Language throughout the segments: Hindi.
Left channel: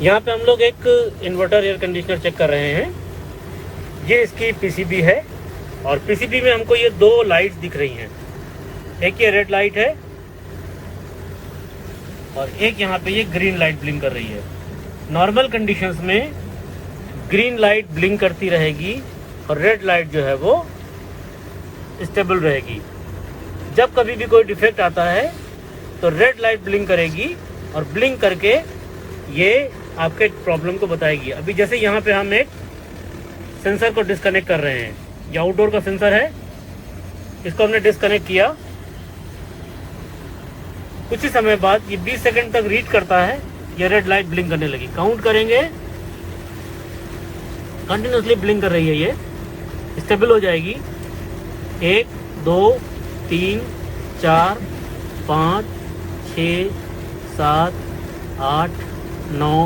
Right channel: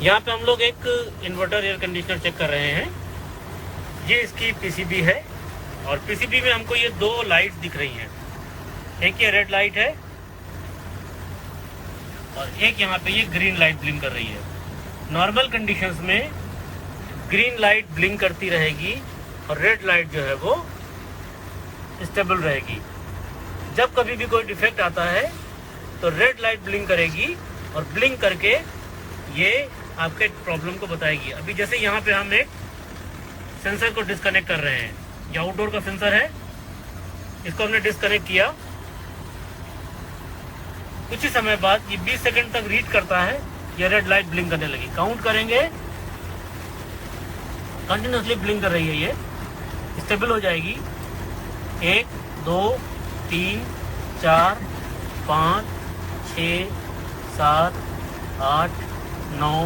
यहाँ पे हम लोग एक इन्वर्टर एयर कंडीशनर चेक कर रहे हैं। ये इसकी पीसीबी है और पीसीबी में हमको ये दो लाइट्स दिख रही हैं। एक ये रेड लाइट है और एक यहाँ पे ये ग्रीन लाइट ब्लिंक कर रही है। नॉर्मल कंडीशंस में ग्रीन लाइट ब्लिंक करती रहेगी और रेड लाइट जो है वो स्टेबल रहेगी। जब कभी भी कोई डिफेक्ट आता है तो रेड लाइट ब्लिंक करेगी और ब्लिंक करके ये आपके प्रॉब्लम को बताएगी। अभी जैसे यहाँ पे हम एक सेंसर को डिस्कनेक्ट कर रहे हैं, ये आउटडोर का सेंसर है, इसको हमने डिस्कनेक्ट किया। कुछ ही समय बाद ये 20 सेकंड तक रीड करता है, ये रेड लाइट ब्लिंक करने लगी। काउंट करेंगे, कंटिन्यूसली ब्लिंक कर रही है, ये स्टेबल हो जाएगी। 1 2 3 4 5 6 7 8 9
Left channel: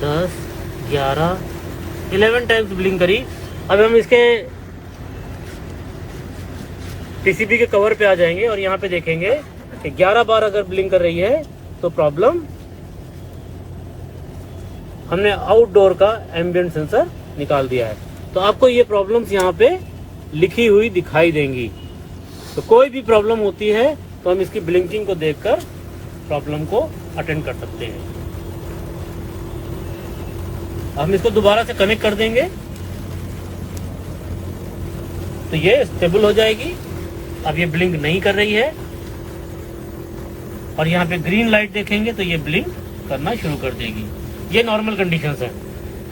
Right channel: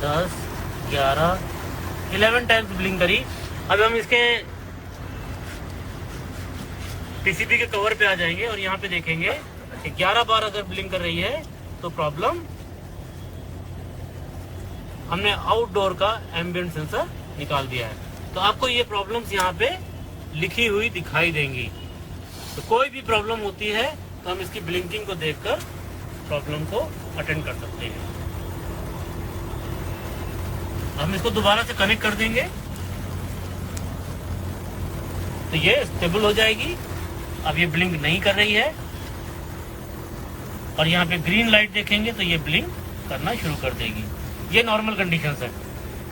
10 11 टाइम्स ब्लिंक करी। अब हम इसके पीसीबी के कवर पे आ जाएंगे और यहाँ पे देखेंगे कि 11 बार अगर ब्लिंक कर रही है तो प्रॉब्लम हमने आउटडोर का एम्बिएंट सेंसर निकाल दिया है। तो आपको ये प्रॉब्लम्स यहाँ पे लिखी हुई दिखाई देंगी। तो कोई भी प्रॉब्लम होती है तो हम इसकी ब्लिंकिंग को देखकर प्रॉब्लम को अटेंड कर सकते हैं। हम इसको दोबारा से कनेक्ट कर देंगे तो ये स्टेबल हो जाएगी। अब ये ब्लिंक नहीं कर रही है और यहाँ पे ग्रीन लाइट देखेंगे तो ये ब्लिंक करना शुरू कर देगी। ये नॉर्मल कंडीशंस है।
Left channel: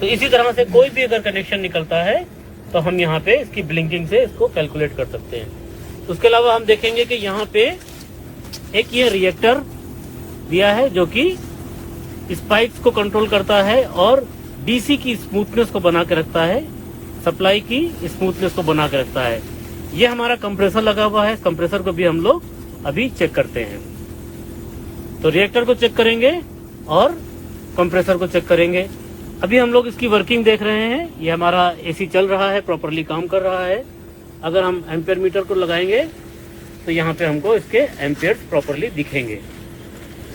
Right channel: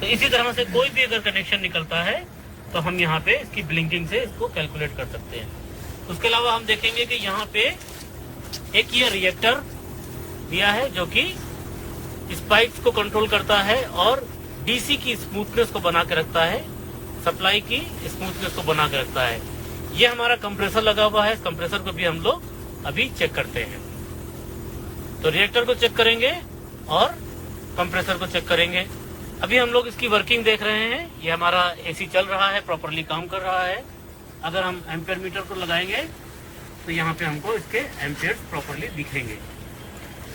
तो इसी तरह से कोई भी अगर कनेक्शन निकलता है तो हम यहाँ पे इसकी ब्लिंकिंग से इसको कैलकुलेट कर सकते हैं। उसके अलावा हम देखेंगे कि यहाँ पे एक ये रिएक्टर दिया है जो कि स्पाइक्स को कंट्रोल करता है और डीसी की स्मूथनेस को बना के रखता है, सप्लाई की स्मूथनेस को बना के रखता है। ये हमारा कंप्रेसर लगा हुआ है, इस कंप्रेसर को भी हम लोग अभी चेक करते हैं। तो रिएक्टर को चेक करेंगे और कंप्रेसर को चेक करेंगे। अभी हम लोग इसकी वर्किंग देख रहे हैं। ये हमारा एसी चल रहा है, प्रॉपरली काम कर रहा है। अगर हम एम्पियर मीटर को लगाएंगे तो यहाँ पे हमको इसके एम्पियर्स प्रॉपरली दिखेंगे।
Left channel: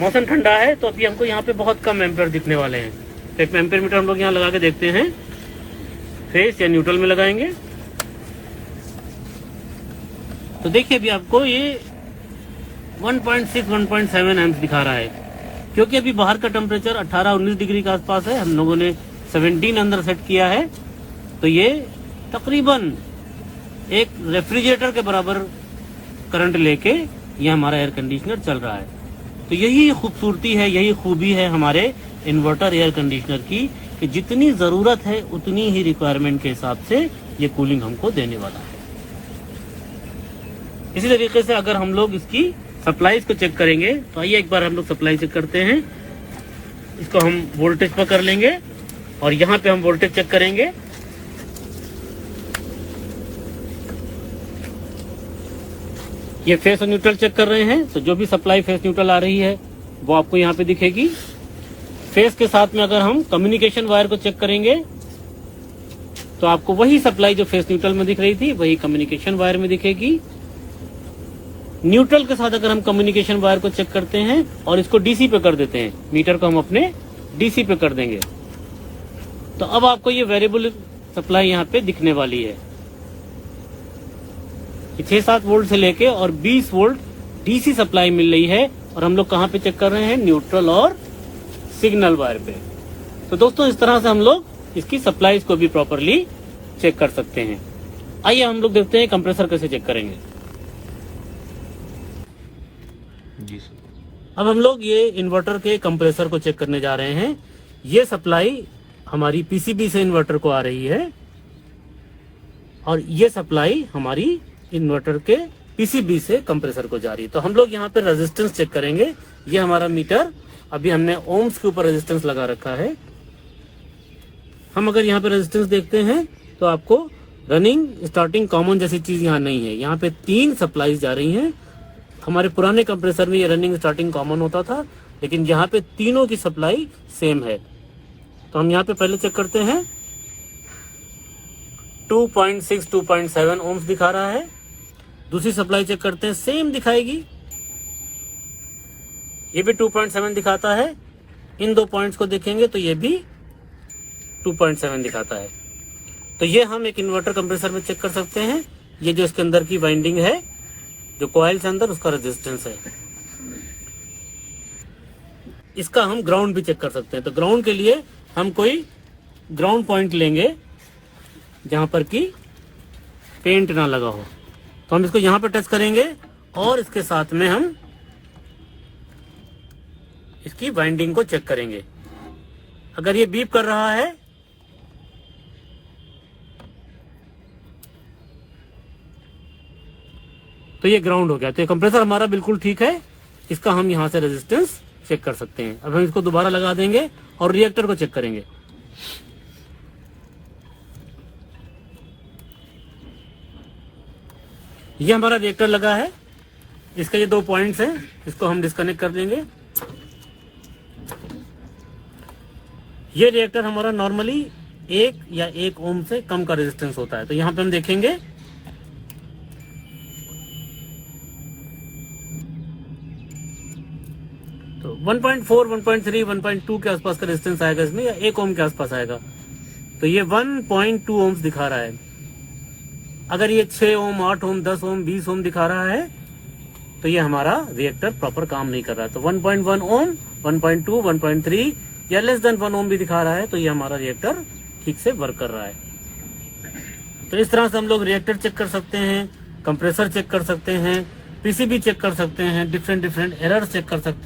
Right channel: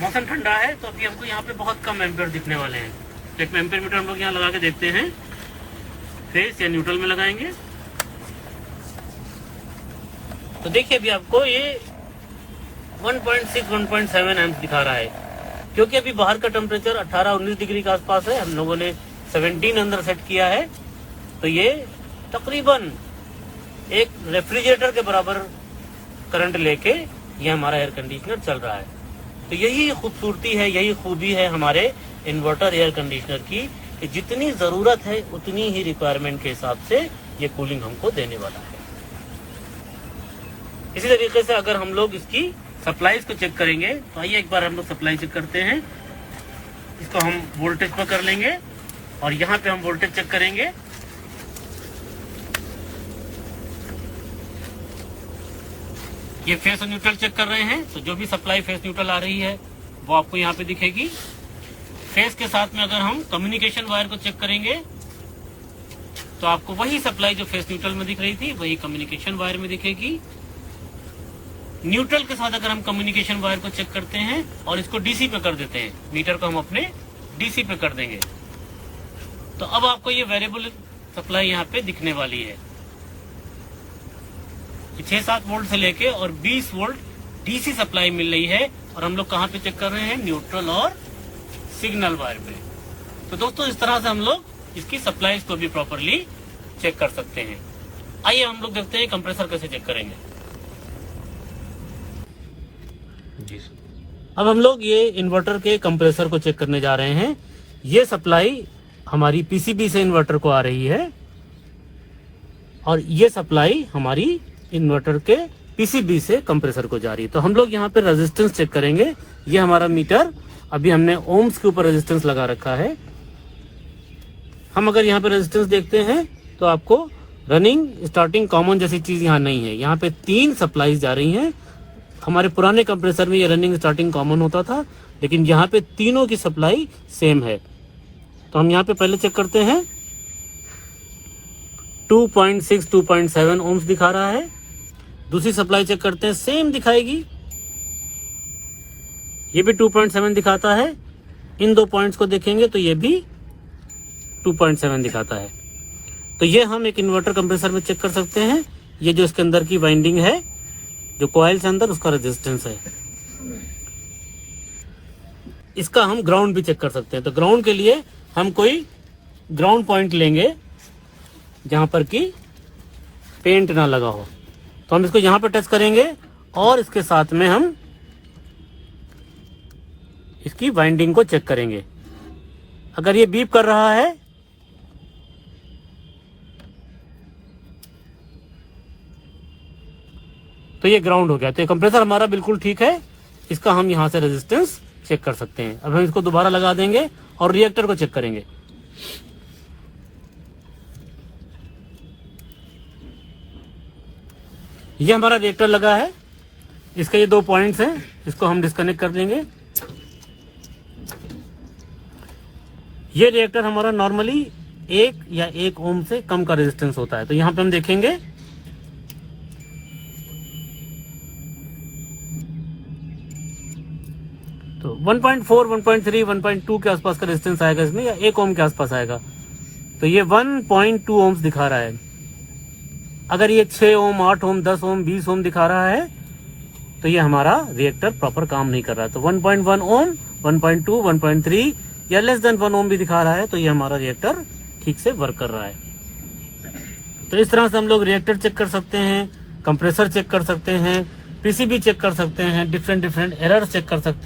मौसम ठंडा है तो अभी हमको यहाँ पे बहुत कम एम्पियर दिखने वाले हैं। तो एक एम्पियर मीटर हम लोग यहाँ लगा के देखते हैं। फेस या न्यूट्रल में लगाएंगे तो देखिए अभी आपको ये 1.6 1.7 एम्प्स दिखा रहा है। क्योंकि अभी बाहर का टेम्परेचर 18-19 डिग्री के आसपास है, हम लोगों ने 17 अंदर सेट किया है, तो ये तकरीबन एक रेफ्रिजरेटर के बराबर करंट लेके ये हमारा एयर कंडीशनर चल रहा है। तो यही खूबसूरती है, यही खूबी है हमारे इन्वर्टर एयर कंडीशनर की कि जितनी जरूरत है उतनी ही रिक्वायरमेंट के हिसाब से ये कूलिंग हमको देने वाला है। इसी तरीके से अगर हम लोग इसकी सप्लाईज को चेक करेंगे तो आइए एक बार हम लोग सप्लाई चेक करते हैं। इसको हम वोल्टेज पर कर लेंगे और यहाँ पे हम वोल्टेज चेक करेंगे। ये फेस न्यूट्रल चेक कर रहे हैं तो जो भी सप्लाई फेस न्यूट्रल आ रही है वो आपको यहाँ पे दिखेगी। फेस के साथ में अगर हम कम्युनिकेशन वायर को चेक करेंगे तो आपको वही सप्लाई जो फेस न्यूट्रल में दिख रही थी वही कम्युनिकेशन वायर में दिखेगी। न्यूट्रल के साथ अगर हम कम्युनिकेशन वायर को चेक करते हैं और इसको डीसी पे कर देते हैं, मीटर को हम अपने डीसी पे कर देंगे, तो अब आपको ये वेरिएबल सप्लाई यहाँ पे दिखने वाली है। 6-7 वोल्ट से लेके और 20 वोल्ट डीसी सप्लाई मिल रही है और हम लोग कहाँ पे चेक कर रहे हैं, न्यूट्रल और सिग्नल वायर पे। तो दोस्तों इस तरह से हम लोग इसकी सप्लाईज को भी प्रॉपरली चेक कर सकते हैं। आइए हम लोग देखते हैं कंप्रेसर कैसे चेक करेंगे। जी सर। अब हम लोग ये इन्वर्टर के कंप्रेसर को चेक करने जा रहे हैं। ये सप्लाई हमारी पीसीबी से इन्वर्टर को आ रही है और ये सप्लाई हमारी इन्वर्टर के पीसीबी से कंप्रेसर को जा रही है। तो हम लोग यहाँ पे रेजिस्टेंस चेक करेंगे। ये हमारा मीटर, अभी हमने ओम्स के ऊपर रेजिस्टेंस लगा रखा है। हम अगर यहाँ पे रेजिस्टेंस देखते हैं तो आपको रनिंग, स्टार्टिंग, कॉमन जैसी चीज यहाँ नहीं है। यहाँ पे 3 सप्लाईज जा रही हैं। हमारे पुराने कंप्रेसर में ये रनिंग, स्टार्टिंग, कॉमन होता था, लेकिन यहाँ पे तीनों की सप्लाई सेम है। तो हम यहाँ पे पहले चेक करते हैं। 2.6 2.7 ओम्स दिखा रहा है। दूसरी सप्लाई चेक करते हैं, सेम दिखाएगी, ये भी 2.7 दिखाता है। इन 2 पॉइंट्स को देखेंगे तो ये भी 2.7 दिखाता है। तो ये हम एक इन्वर्टर कंप्रेसर में चेक कर सकते हैं। ये जो इसके अंदर की वाइंडिंग है, जो कॉइल्स अंदर, उसका रेजिस्टेंस है। इसका हम ग्राउंड भी चेक कर सकते हैं। तो ग्राउंड के लिए हम कोई ग्राउंड पॉइंट लेंगे जहां पर कि पेंट ना लगा हो। तो हम इसको यहां पर टच करेंगे और इसके साथ में हम इसकी वाइंडिंग को चेक करेंगे। अगर ये बीप कर रहा है तो ये ग्राउंड हो गया। तो ये कंप्रेसर हमारा बिल्कुल ठीक है। इसका हम यहां से रेजिस्टेंस चेक कर सकते हैं। अब हम इसको दोबारा लगा देंगे और रिएक्टर को चेक करेंगे। ये हमारा रिएक्टर लगा है। इसके ये 2 पॉइंट्स हैं, इसको हम डिस्कनेक्ट कर देंगे। ये रिएक्टर हमारा नॉर्मली 1 या 1 ओम से कम का रेजिस्टेंस होता है। तो यहां पे हम देखेंगे तो 1.4, 1.3, 1.2 के आसपास का रेजिस्टेंस आएगा इसमें, या 1 ओम के आसपास आएगा। तो ये 1.2 ओम्स दिखा रहा है। अगर ये 6 ओम, 8 ओम, 10 ओम, 20 ओम दिखा रहा है तो ये हमारा रिएक्टर प्रॉपर काम नहीं कर रहा है। तो 1.1 ओम, 1.2, 1.3 या लेस देन 1 ओम भी दिखा रहा है तो ये हमारा रिएक्टर ठीक से वर्क कर रहा है। तो इस तरह से हम लोग रिएक्टर चेक कर सकते हैं, कंप्रेसर चेक कर सकते हैं, पीसीबी चेक कर सकते हैं, डिफरेंट एरर चेक कर सकते हैं।